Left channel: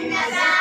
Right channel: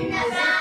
النزار